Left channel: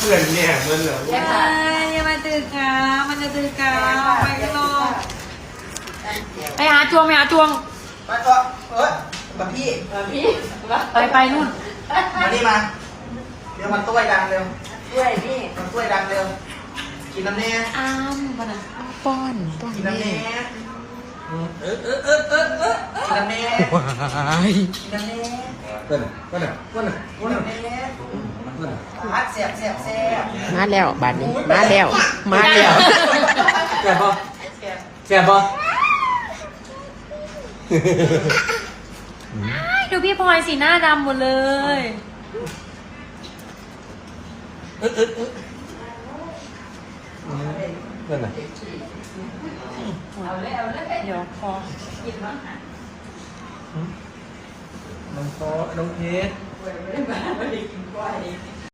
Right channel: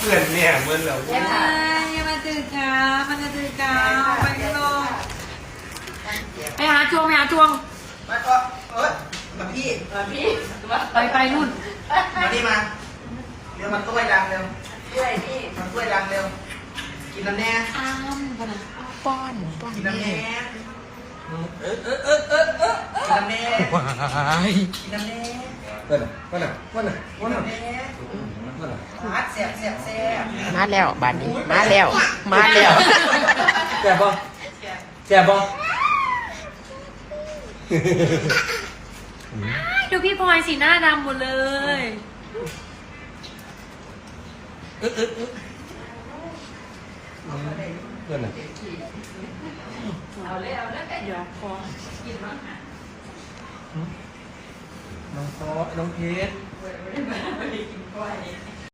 พื่อนเนี่ยเหมือนเราอย่ามาตื่นกามันจะตื่นกาไปกันลงไปหาจวงไปหาจวงมาต่อบังพี่ไปนู่นมานี่มาเดี๋ยวมันต้วยดังเร็วด้วยนี่มันต้วยดังเร็วกินน้ำแน่อ้ามบ้านป้อนกินน้ำแน่กินน้ำแน่ว้ายกินน้ำแน่ก็น่ะกินน้ำแน่พัดเสียบมาแล้วบาดนี้มาแล้วมาแล้วแก่ปะแก่ปะดูพี่พลอยสีหน้าดำหมดเลยเพื่อนน่ะเดี๋ยวพอมันโตน้องเพชร